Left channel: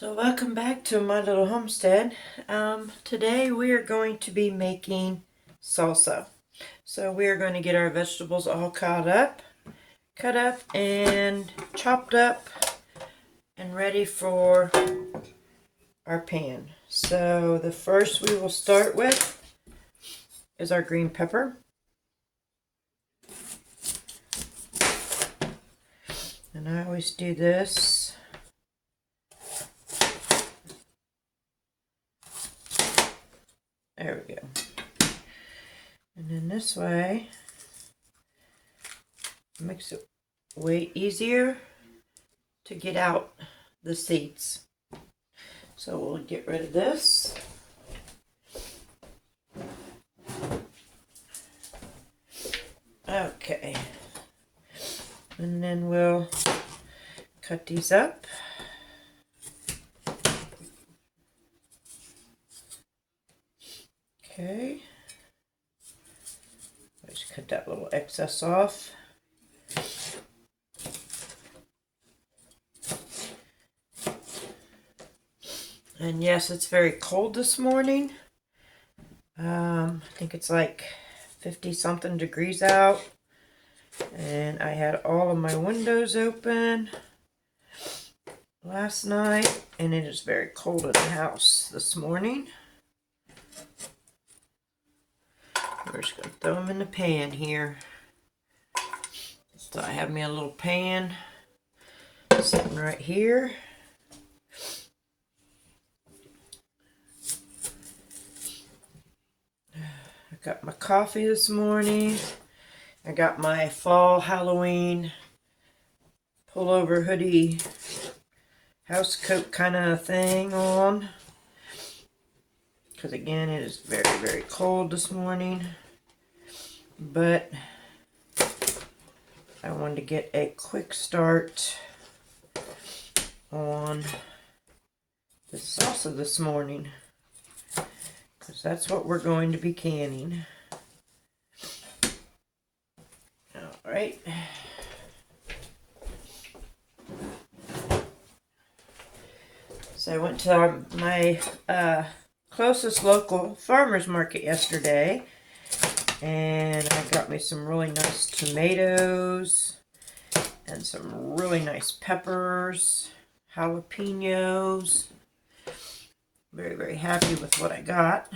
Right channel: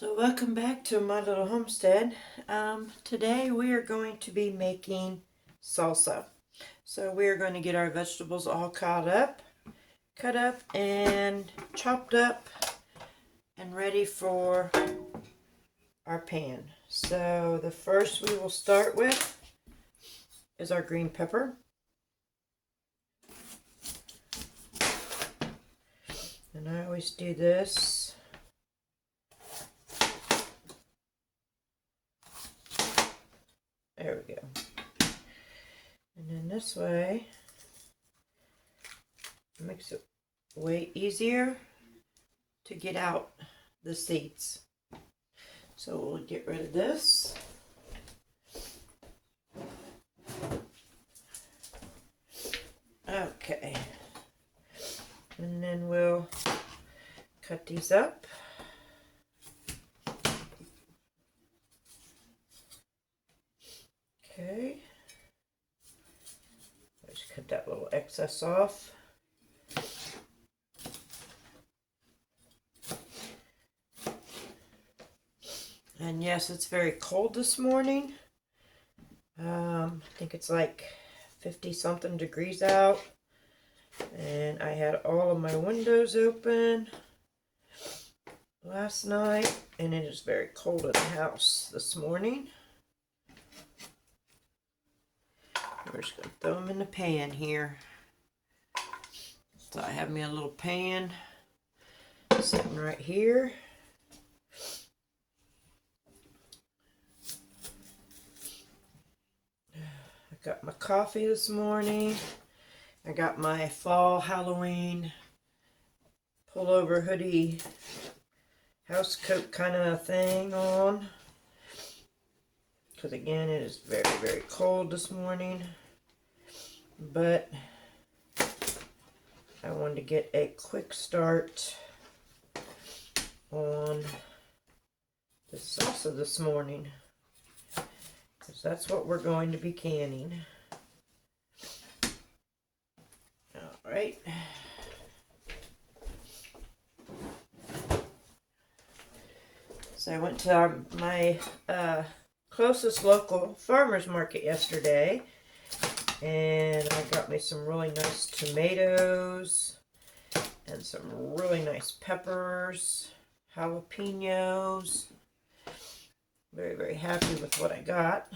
So welcome back to my little homestead. Today we are going to be making salsa. So we are going to get our vegetables all cut up and chopped up and ready for our pan. So the first we will start with is our green pepper. And I always do this. There we go. And then this way makes it way easier to get out the seeds. So we'll get rid of this. Okay. And then we'll cut these up. Okay. Just cut that little excess off. And yes, it's very cold this morning. I think it's like 50 something degrees out. And I had all of my windows open last night, and it is very cold in the house this morning. We're just going to throw them in the pan here. So I have me a little pan sitting right here. I got my coffee this morning. I got my fall Halloween pullover hoodie house coat kind of thing on. Because again, it is very, very cold this morning. But I wanted to get a quick start on the salsa this morning. Because that's what we're going to be canning. Alright. So I went to my closest local farmer's market yesterday, and I got me some really nice tomatoes and some really nice peppers, jalapenos. Very, very happy with what I got.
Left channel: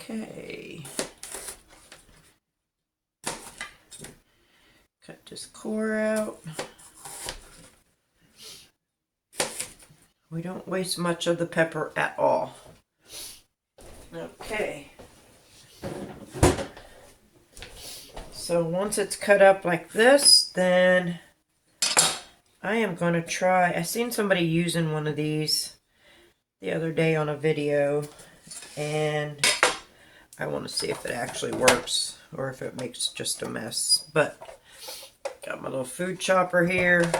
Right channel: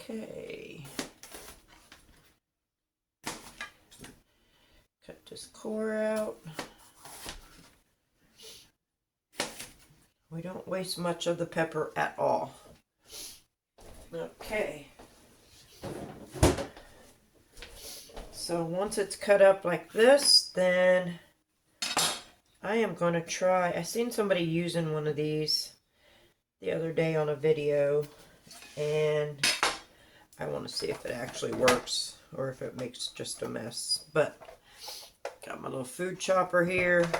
Okay. Cut this core out. We don't waste much of the pepper at all. Okay. So once it's cut up like this, then I am going to try. I seen somebody using one of these the other day on a video, and I want to see if it actually works or if it makes just a mess. But got my little food chopper here.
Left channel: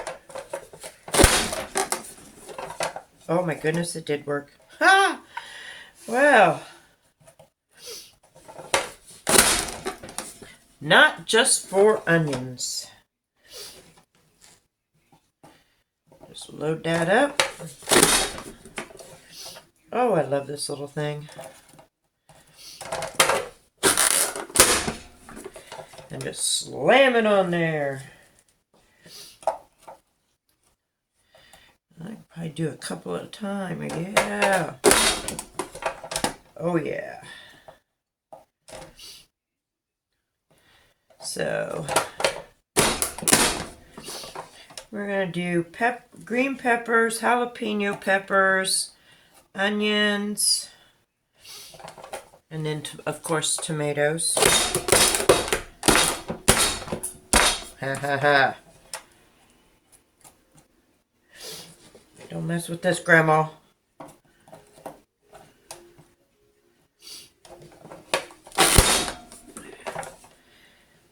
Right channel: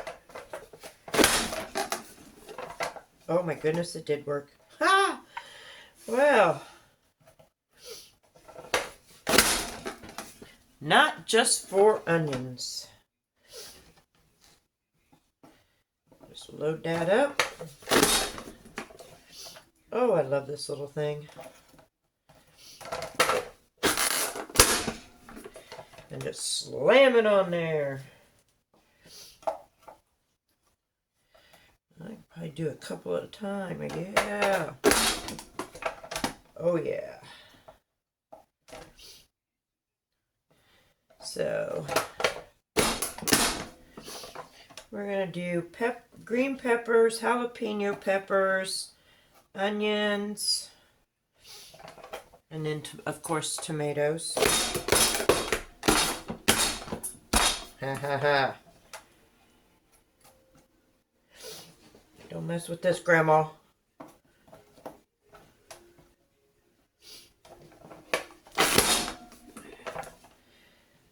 Oh my goodness, it did work. Ha! Wow. Not just for onions. Just load that up. Oh, I love this little thing. And just slam it on there. I can probably do a couple at a time. Yeah. Oh, yeah. So, we're going to do green peppers, jalapeno peppers, onions, and then, of course, tomatoes. Ha ha ha. Don't mess with this, Grandma.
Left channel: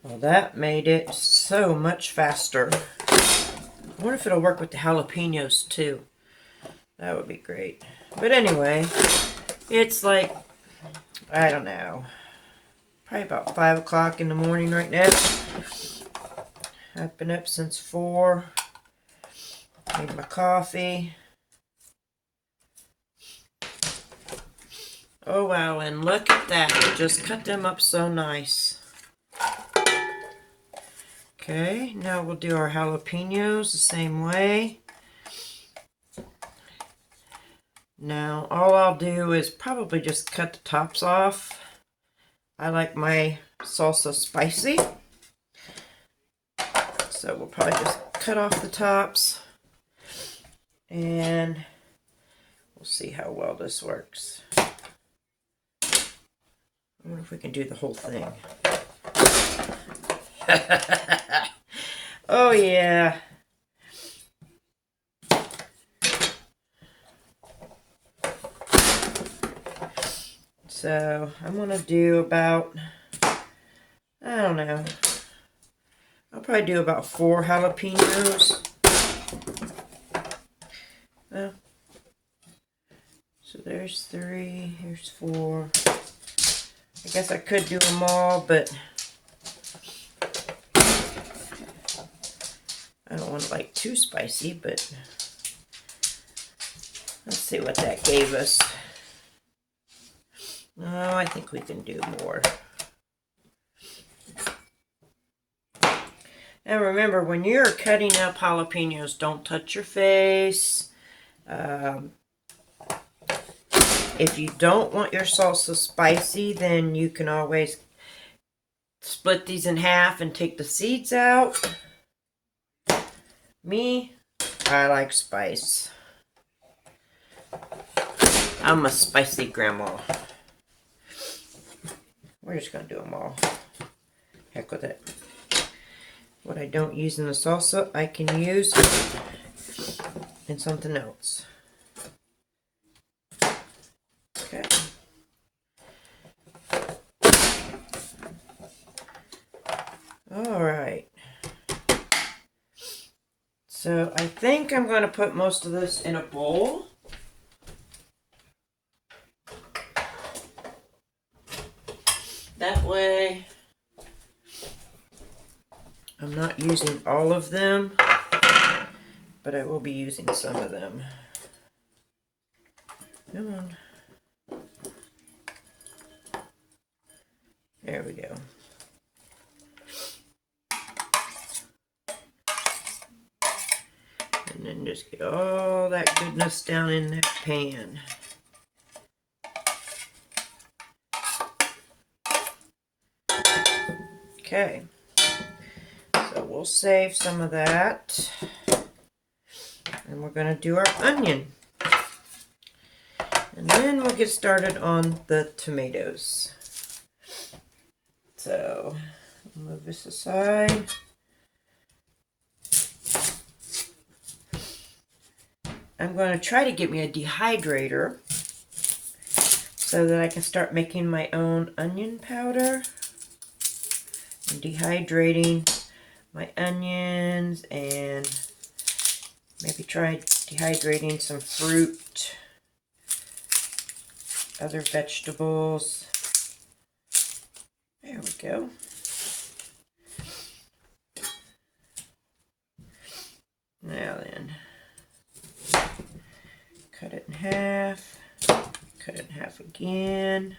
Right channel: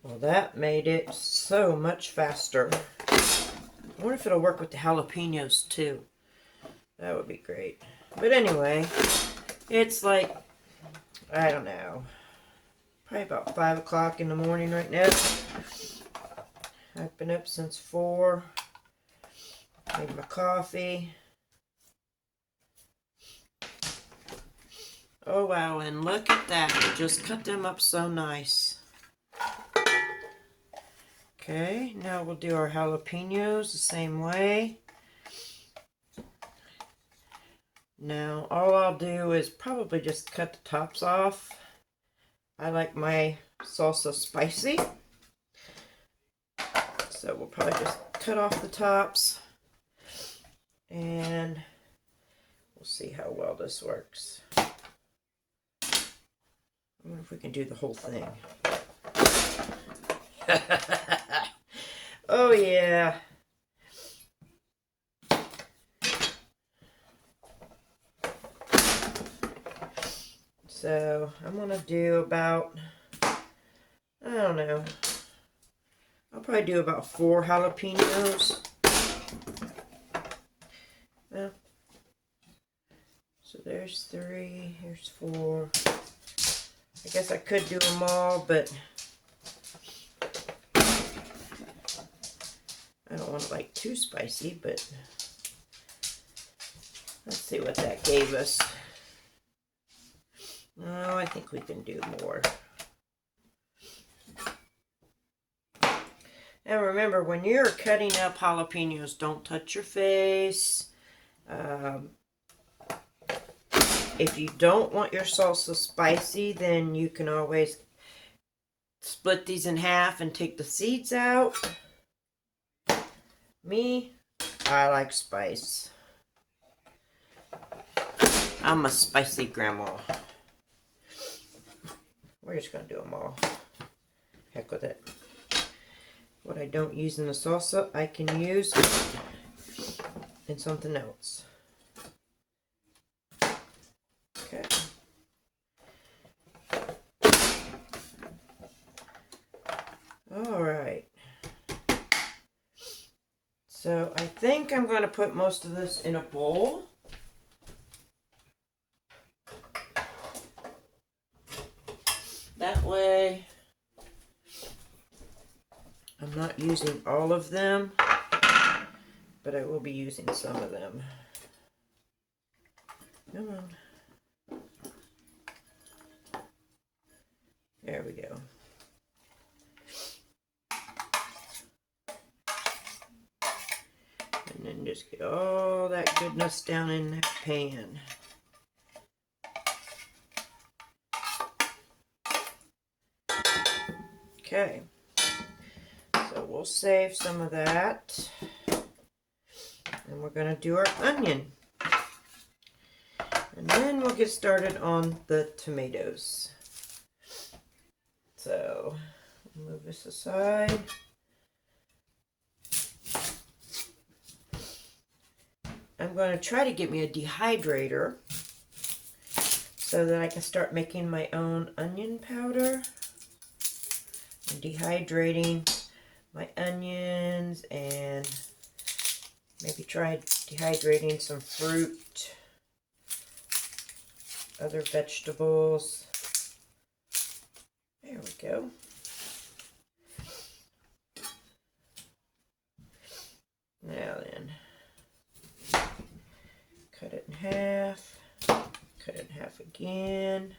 Well, that made it so much faster. I wonder if it'll work with the jalapenos too. That would be great. But anyway, it's like, I don't know, probably about 5 o'clock in the morning right now. I've been up since 4. Need my coffee. Oh wow, and look at that. It just cut them up so nice. Okay, now we'll do our jalapenos the same way. Now all I'll do is probably just cut the tops off. I like my salsa spicy. So we'll probably just cut off the tops. And we'll see how well this works. I wonder if we can do the whole thing. Oh yeah. So I'm going to do about, I don't know, I'll probably do about 4 jalapenos. So there's 3, here's 4. I guess I could do them all, but I don't want it like too spicy, but let's see what that gave us. Oh, I think we can do more. And remember, when you're cutting up jalapenos, don't touch your face. If you don't want your salsa spicy, then you can always split these in half and take the seeds out. Me, I like spice. I'm a spicy grandma. We're just going to do them all. Heck with it. What I don't use in the salsa, I can use in something else. Okay. All right. So I think I'm going to put most of this in a bowl. That way I'm not using all of them, but I will be using some of them. Come on. There we go. And then just get all that goodness down in that pan. Okay, so we'll save some of that, and we're going to do our onion, and then we'll get started on the tomatoes. So, move this aside. I'm going to try to get me a dehydrator so that I can start making my own onion powder. I'm dehydrating my onions and maybe try dehydrating some fruit, other vegetables. There we go. Now then, cut it in half, cut it in half again.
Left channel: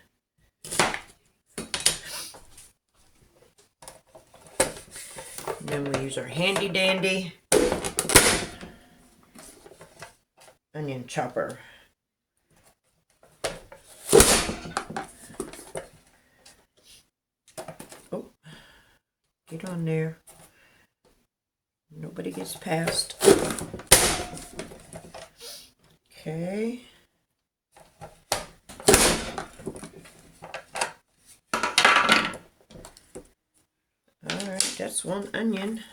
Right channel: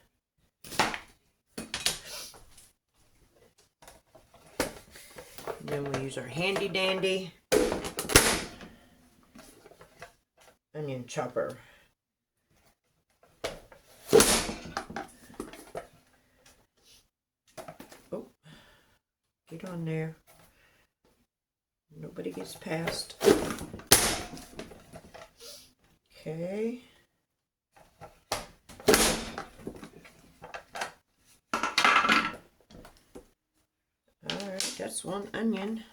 And then we'll use our handy dandy onion chopper. Oh, get on there. Nobody gets past. Okay. Alright, that's one onion.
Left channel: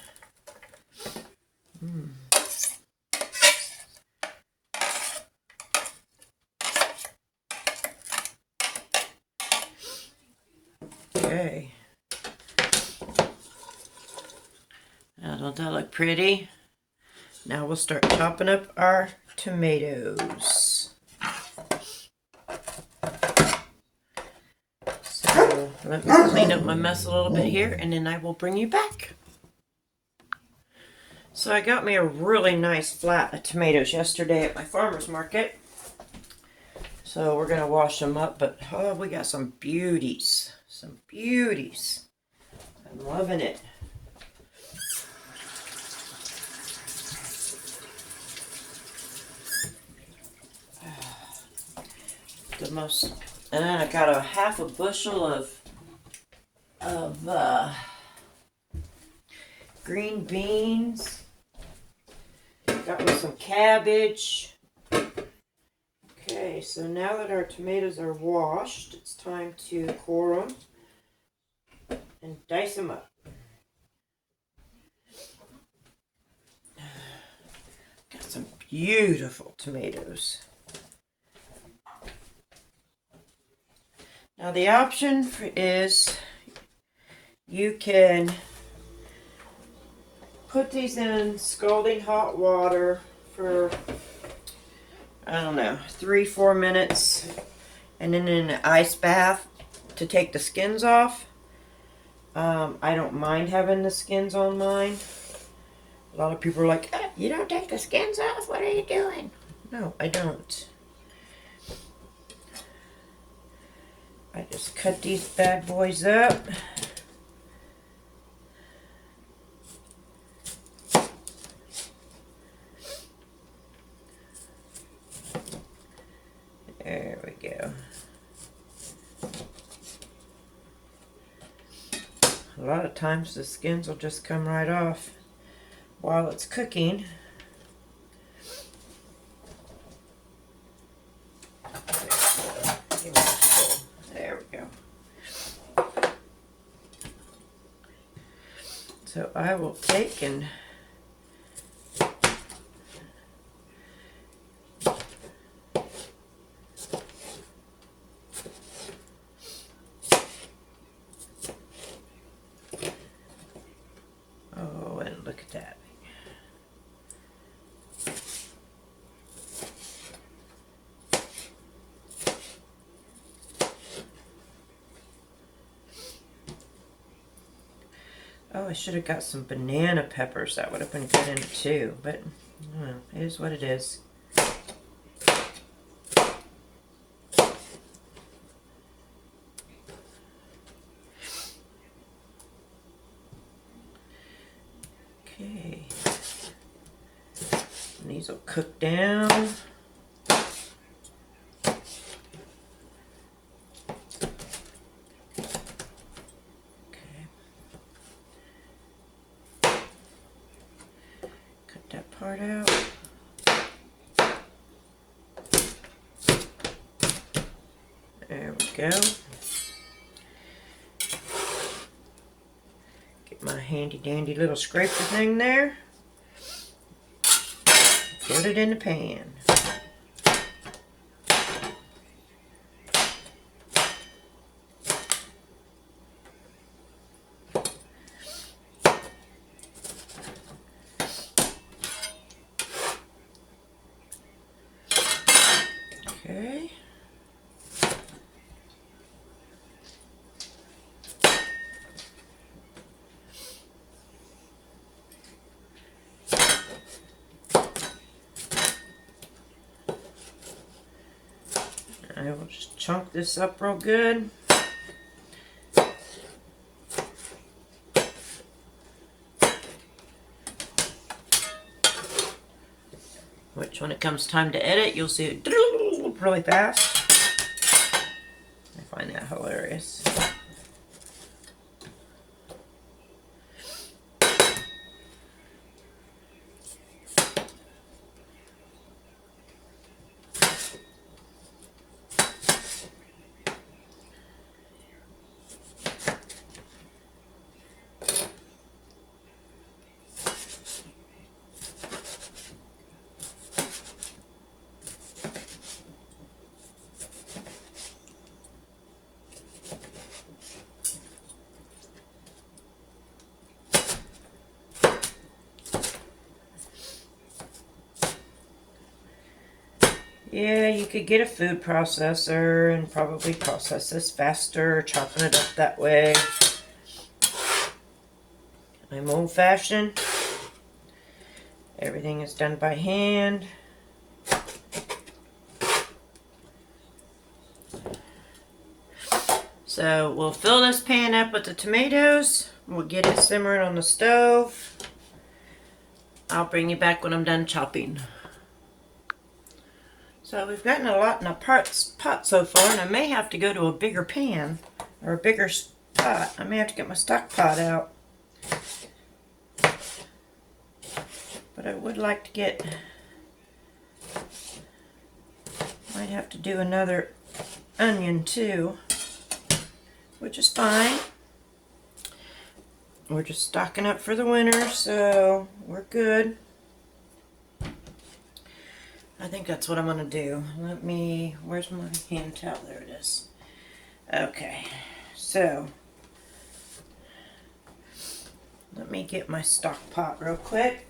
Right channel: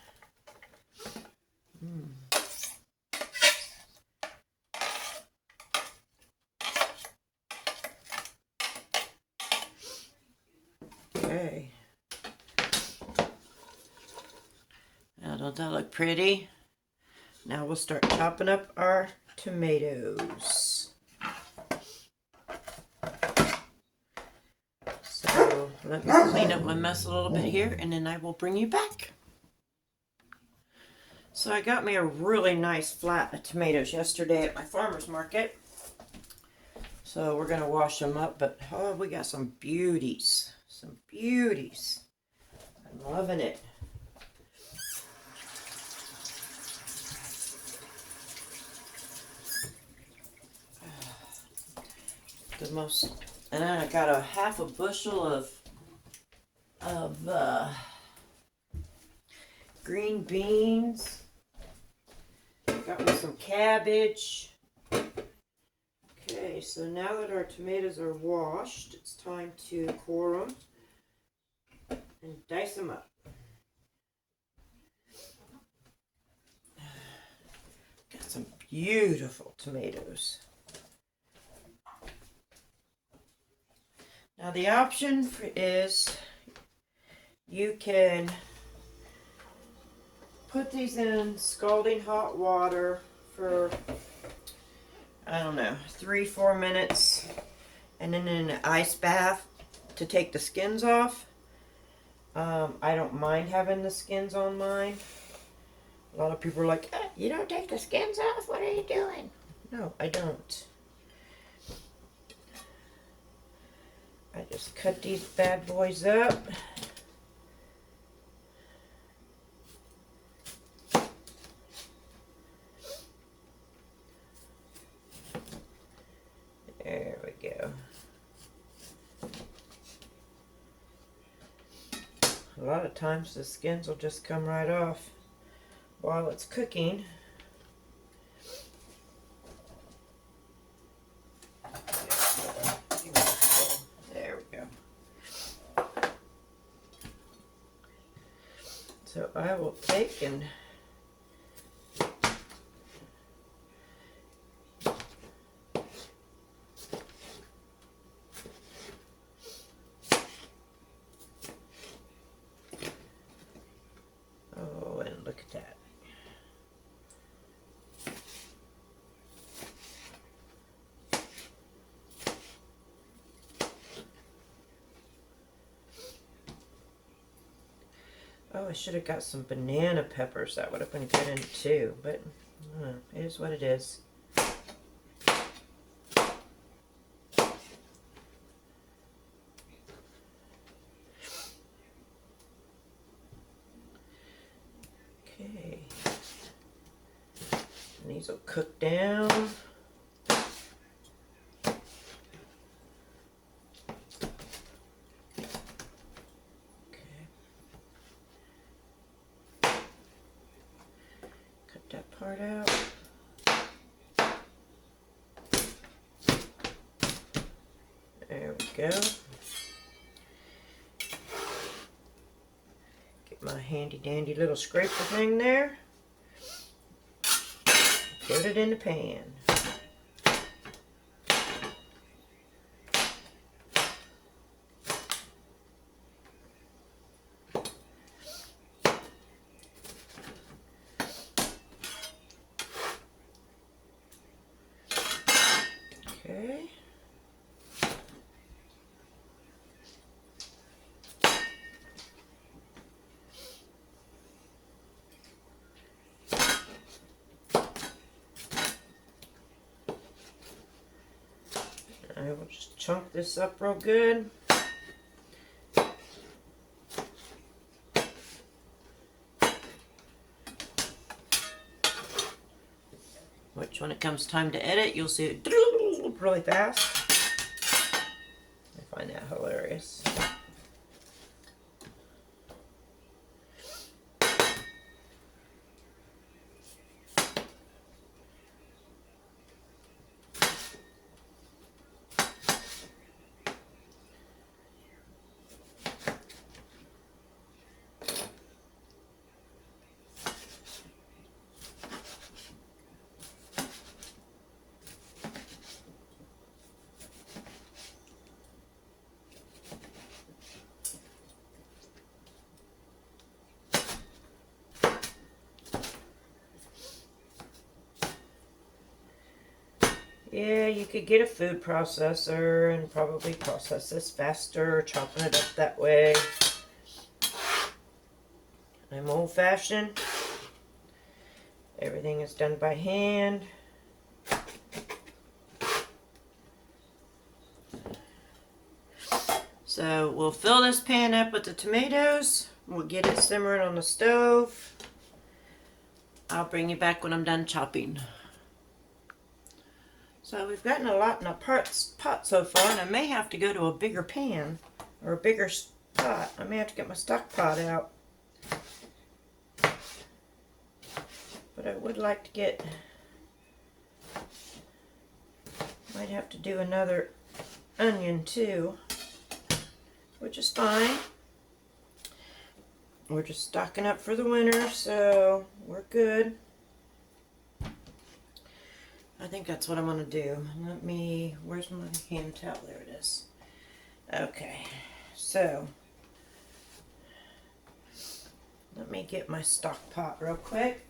Okay. Now, don't that look pretty? Now we'll start chopping up our tomatoes. So let me clean up my mess a little bit here, and then I will bring you back. So I got me a really nice flat of tomatoes yesterday at my farmer's market. So we're gonna wash them up, but oh, we got some beauties. Some beauties. I'm loving it. The most, and then I got a half a bushel of green beans. Got me some cabbage. Okay, so now that our tomatoes are washed, it's time to core them and dice them up. Got some beautiful tomatoes. Now the option is you can put these in scalding hot water for, I don't know, 3-4 minutes, and then in an ice bath to take the skins off. I don't mind having the skins on mine. A lot of people are like, you don't take the skins off? What are you doing? No, I don't. I just cut these bad boys up. There we go. A lot of times the skins will just come right off while it's cooking. There we go. So I will take and I should have got some banana peppers. That would have been good in it too, but it is what it is. Okay. And these will cook down. Part out. There we go. Get my handy dandy little scraper thing there. Put it in the pan. I will just chunk this up real good. Which when it comes time to edit, you'll see it really fast. I find that hilarious. Yeah, you could get a food processor and probably process this faster, chopping it up that way. I'm old-fashioned. Everything is done by hand. So we'll fill this pan up with the tomatoes. We'll get it simmering on the stove. I'll bring you back when I'm done chopping. So we've gotten a lot in a pot so far, and I may have to go to a bigger pan or a bigger pot. I may have to get my stock pot out. But I would like to get, might have to do another onion too, which is fine. We're just stocking up for the winter, so we're good. I think that's what I'm going to do. Where's my hand towel? There it is. Okay, so let me get my stock pot real quick.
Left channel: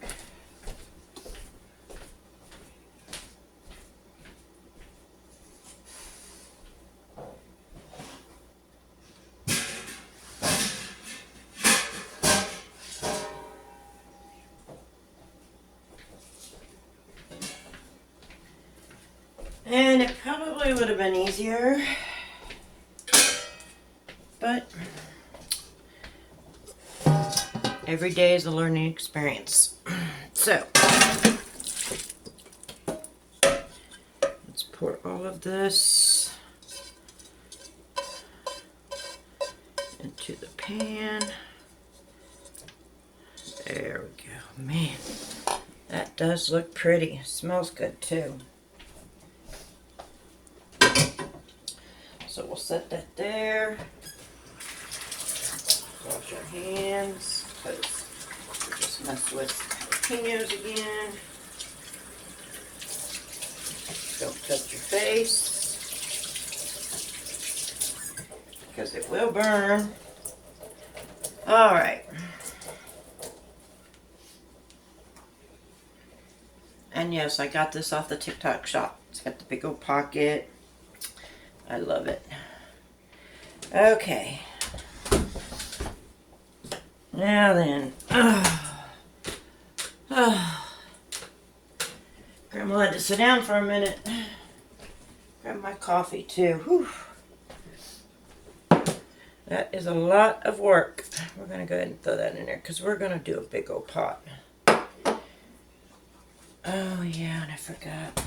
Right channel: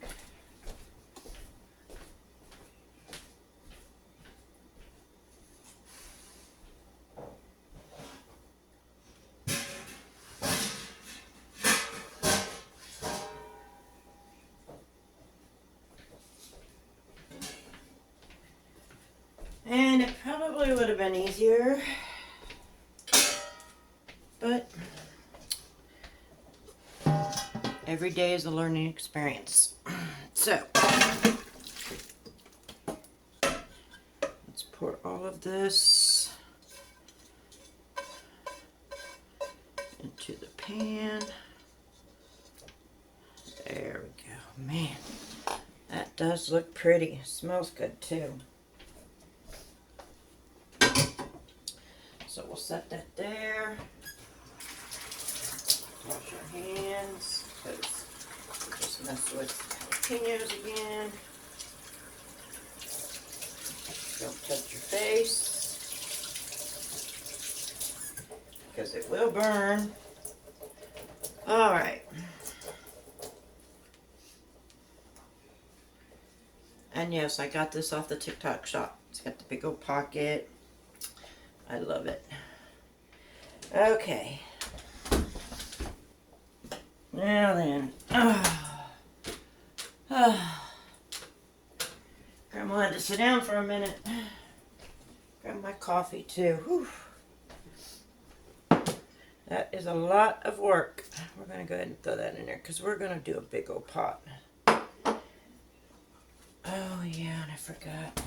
And it probably would have been easier, but every day is a learning experience. So, let's pour all of this into the pan. There we go. Man, that does look pretty. It smells good too. So we'll set that there. Wash our hands, because just mess with jalapenos again. Don't touch your face, because it will burn. All right. And yes, I got this off the TikTok shop. It's got the big old pocket. I love it. Okay. Now then. Grandma had to sit down for a minute. Grab my coffee too. Whew. That is a lot of work. We're going to go ahead and throw that in there because we're going to do a big old pot. Oh yeah, and I forgot.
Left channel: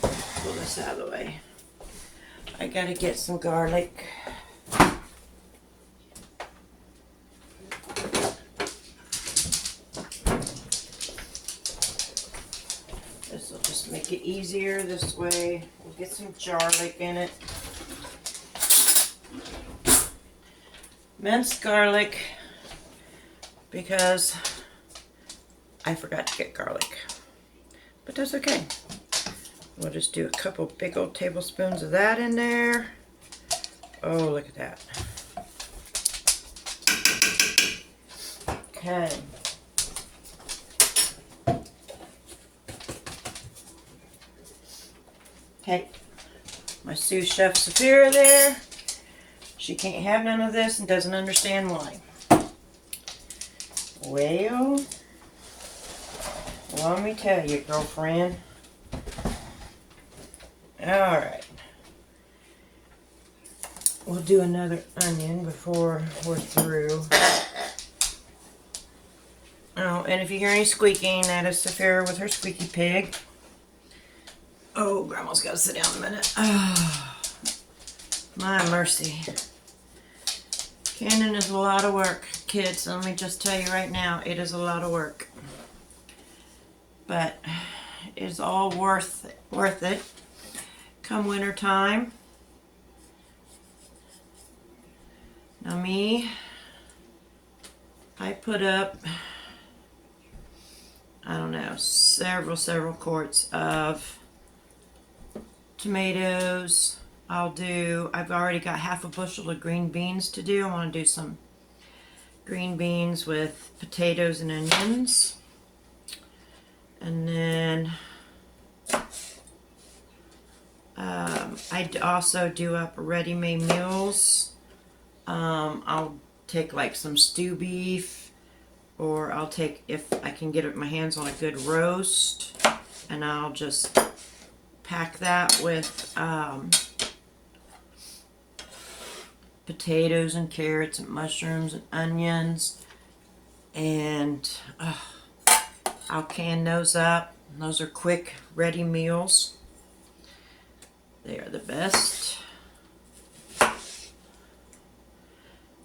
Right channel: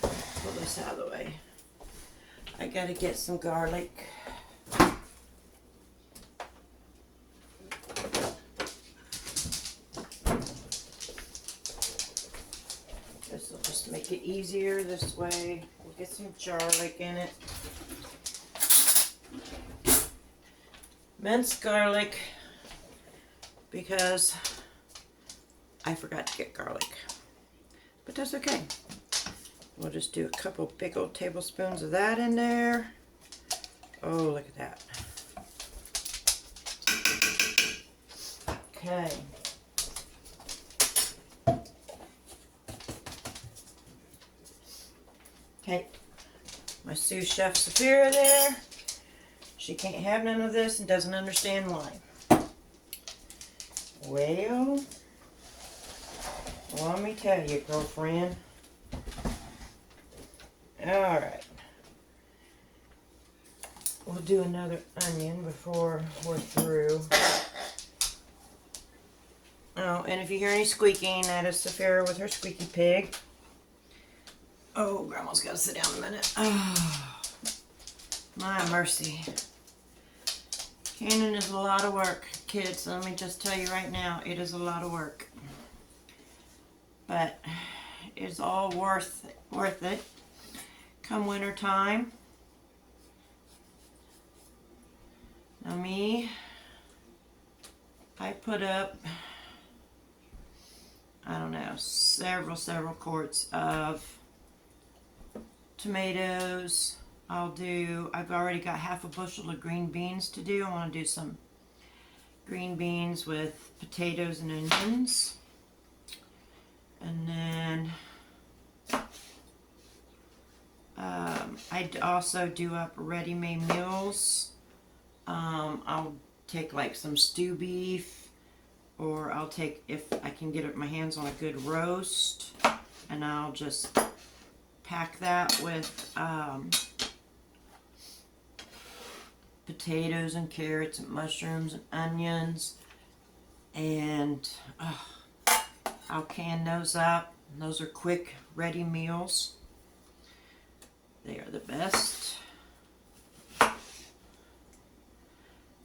Pull this out of the way. I gotta get some garlic. This will just make it easier this way. We'll get some garlic in it. Minced garlic, because I forgot to get garlic. But that's okay. We'll just do a couple big old tablespoons of that in there. Oh, look at that. Okay. Okay. My sous chef Saphira there. She can't have none of this and doesn't understand why. Well, let me tell you, girlfriend. Alright. We'll do another onion before we're through. Oh, and if you hear any squeaking, that is Saphira with her squeaky pig. Oh, Grandma's got to sit down a minute. Oh, my mercy. Canning is a lot of work, kids. Let me just tell you right now, it is a lot of work. But it is all worth it. Come winter time. Now I put up, I don't know, several quarts of tomatoes. I've already got half a bushel of green beans to do. I want to do some green beans with potatoes and onions. And then I also do up ready-made meals. I'll take like some stew beef, or I'll take, if I can get my hands on a good roast, and I'll just pack that with potatoes and carrots and mushrooms and onions, and I'll can those up. Those are quick, ready meals. They are the best.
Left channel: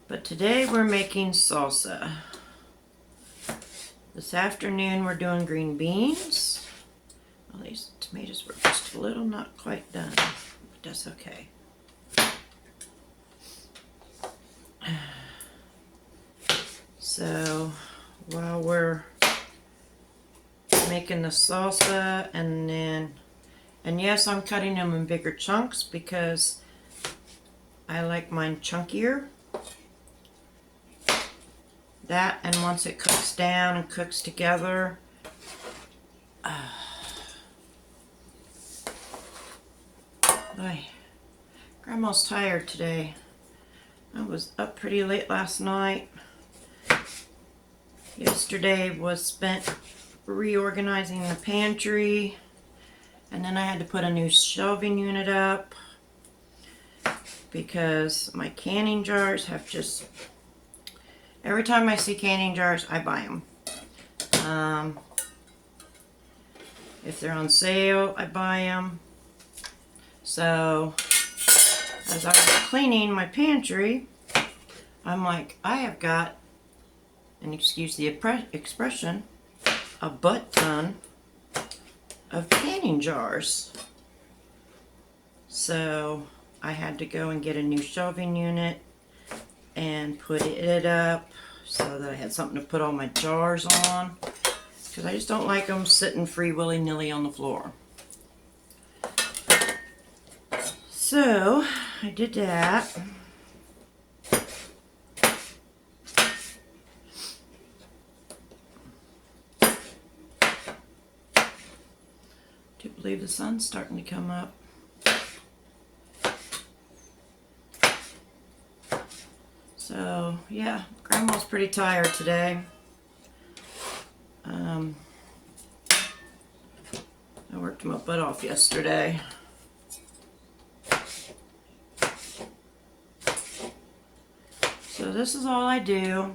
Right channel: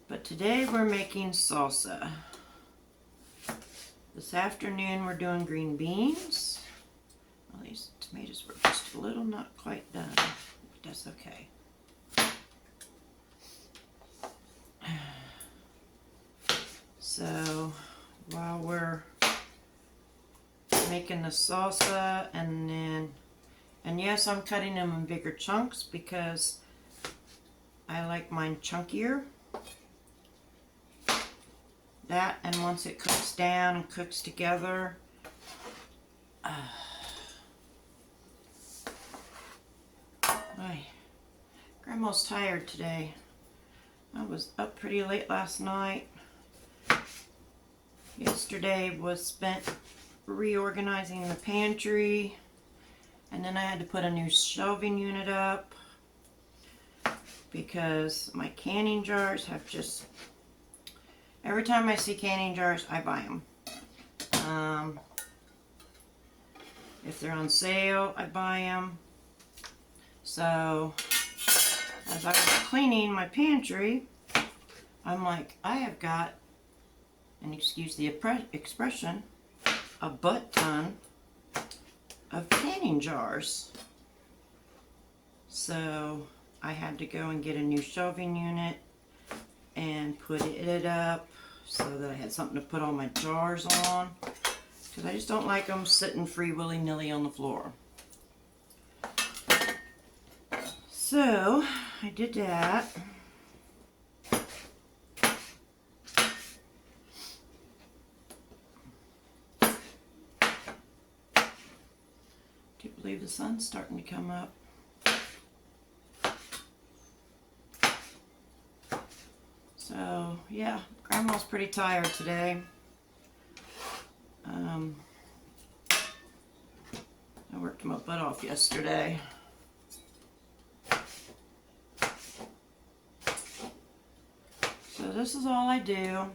But today we're making salsa. This afternoon we're doing green beans. Well, these tomatoes were just a little not quite done, but that's okay. So while we're making the salsa, and yes, I'm cutting them in bigger chunks because I like mine chunkier. That, and once it cooks down and cooks together, Grandma's tired today. I was up pretty late last night. Yesterday was spent reorganizing the pantry, and then I had to put a new shelving unit up because my canning jars have just, every time I see canning jars, I buy them. If they're on sale, I buy them. So as I was cleaning my pantry, I'm like, I have got, and excuse the expression, a butt ton of canning jars. So I had to go and get a new shelving unit and put it up so that I had something to put all my jars on, because I just don't like them sitting free willy-nilly on the floor. So I did that. Do believe the sun's starting to come up. So yeah, Grandma's pretty tired today. I worked my butt off yesterday. So this is all I do.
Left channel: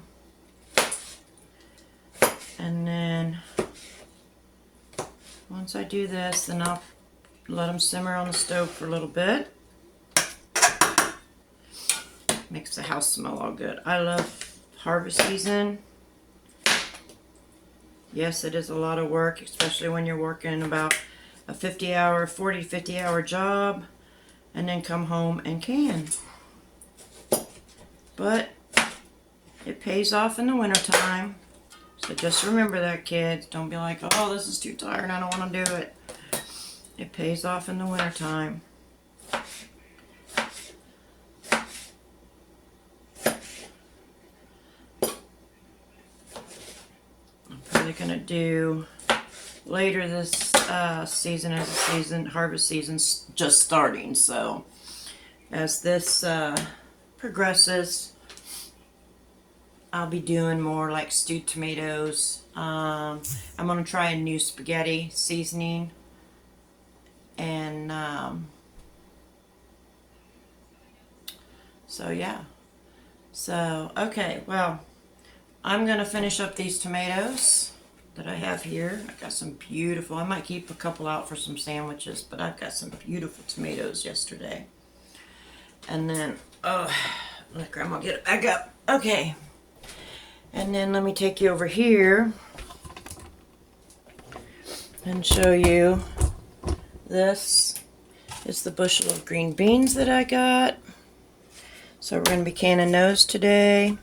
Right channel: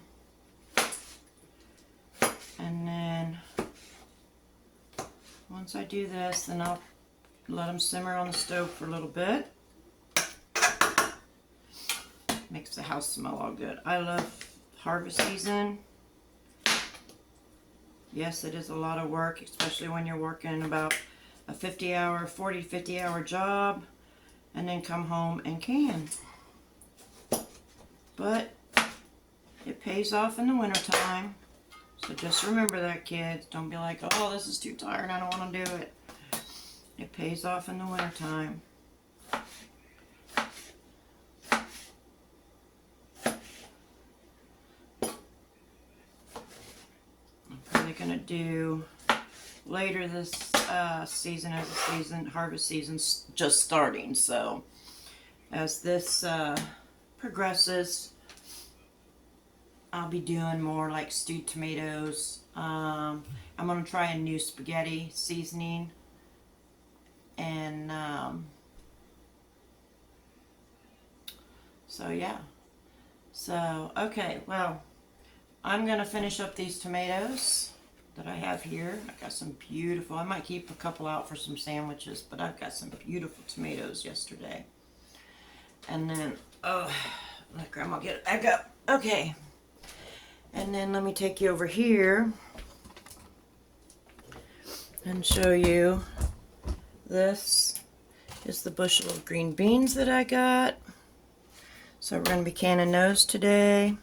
And then once I do this, then I'll let them simmer on the stove for a little bit. Makes the house smell all good. I love harvest season. Yes, it is a lot of work, especially when you're working about a 40 to 50 hour job, and then come home and can. But it pays off in the wintertime. So just remember that, kids. Don't be like, oh, this is too tired, I don't want to do it. It pays off in the wintertime. I'm probably going to do later this season, as the harvest season's just starting. So as this progresses, I'll be doing more like stewed tomatoes. I'm going to try a new spaghetti seasoning. And so yeah. So, okay, well, I'm going to finish up these tomatoes that I have here. I got some beautiful, I might keep a couple out for some sandwiches, but I've got some beautiful tomatoes yesterday. And then, oh, let Grandma get it back up. Okay. And then let me take you over here and show you, this is the bushel of green beans that I got. So we're going to be canning those today.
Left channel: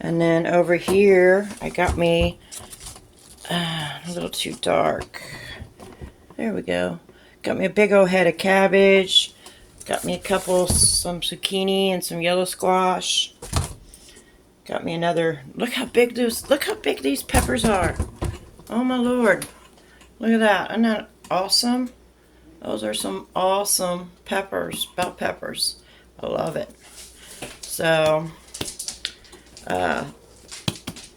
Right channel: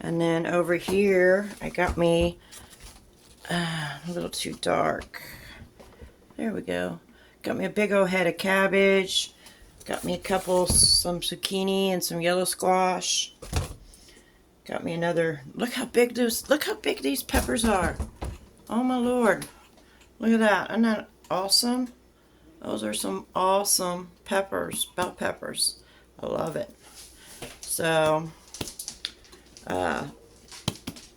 And then over here, I got me a little too dark. There we go. Got me a big old head of cabbage. Got me some zucchini and some yellow squash. Got me another, look how big these peppers are. Oh my Lord. Look at that. Isn't that awesome? Those are some awesome peppers, bell peppers. I love it. So,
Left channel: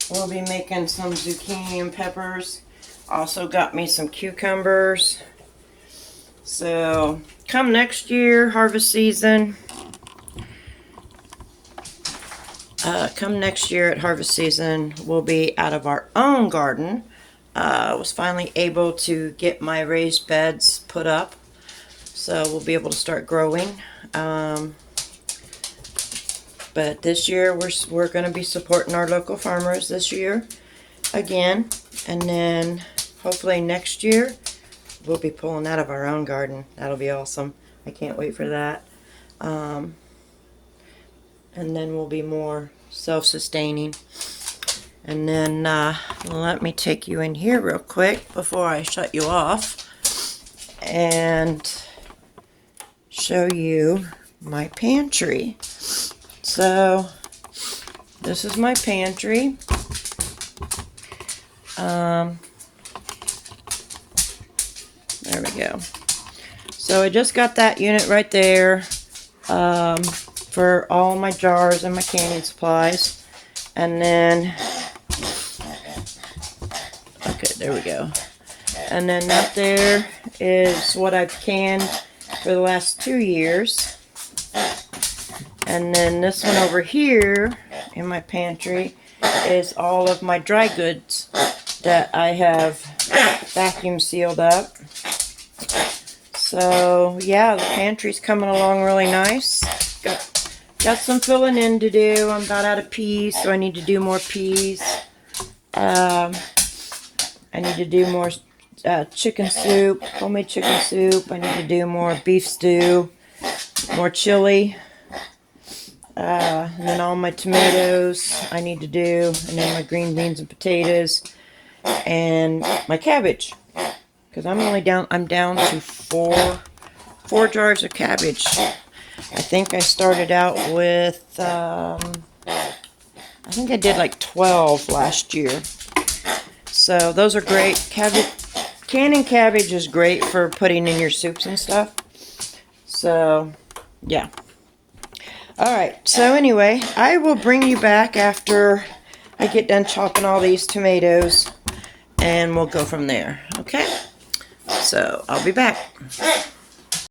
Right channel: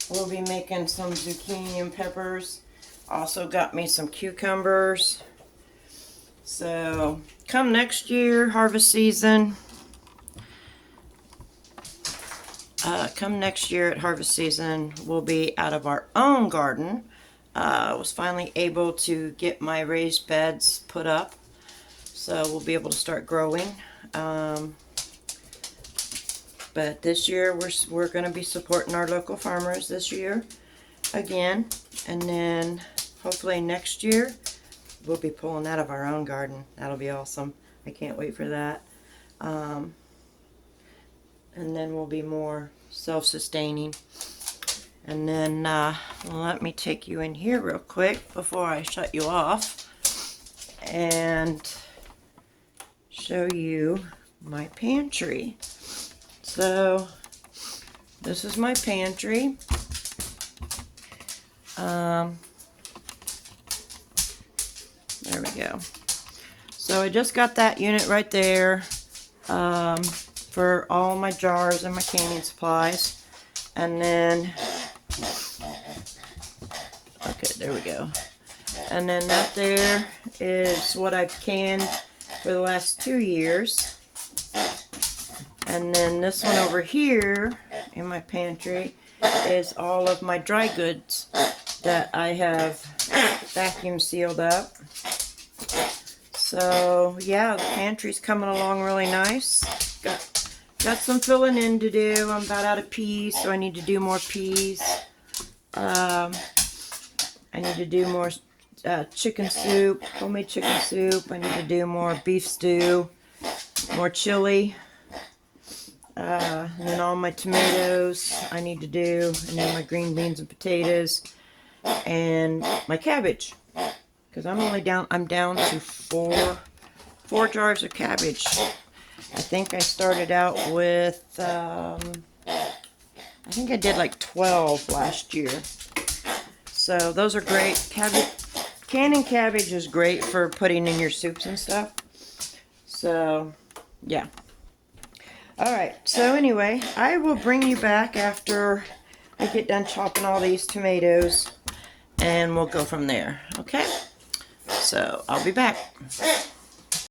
we'll be making some zucchini and peppers. Also got me some cucumbers. So come next year, harvest season. Come next year at harvest season, we'll be out of our own garden. I was finally able to get my raised beds put up, so we'll be able to start growing. But this year we're going to be supporting our local farmers this year again, and then hopefully next year we'll be pulling out of our own garden. That'll be awesome. I can't wait for that. And then we'll be more self-sustaining. And then let me take you in here real quick before I shut you off and show you my pantry. So this is my pantry. There we go. So I just got that unit right there for all my jars and my canning supplies. And then, okay, there we go. And then that there is what I've canned for the last 2 years. And then this one over here in my pantry is all of my dry goods that I have vacuum sealed up. So yeah, the pantry's coming along really nice. Got some filling in to do. I'm about out of peas, so I need to do more peas. I need to do more chicken soup, homemade chicken soup. I need to do more beef stew, more chili. And then all my tomatoes I need to do, and then my green beans and potatoes, and my cabbage. Because I'm down to four jars of cabbage. I think I started out with, I think I did like 12 last year. So those are great. Canning cabbage is great for putting in your soups and stuff. So, yeah. Alright, so anyway, I will bring you back after I get done chopping all these tomatoes, and we'll go from there, okay? So, I'll be back.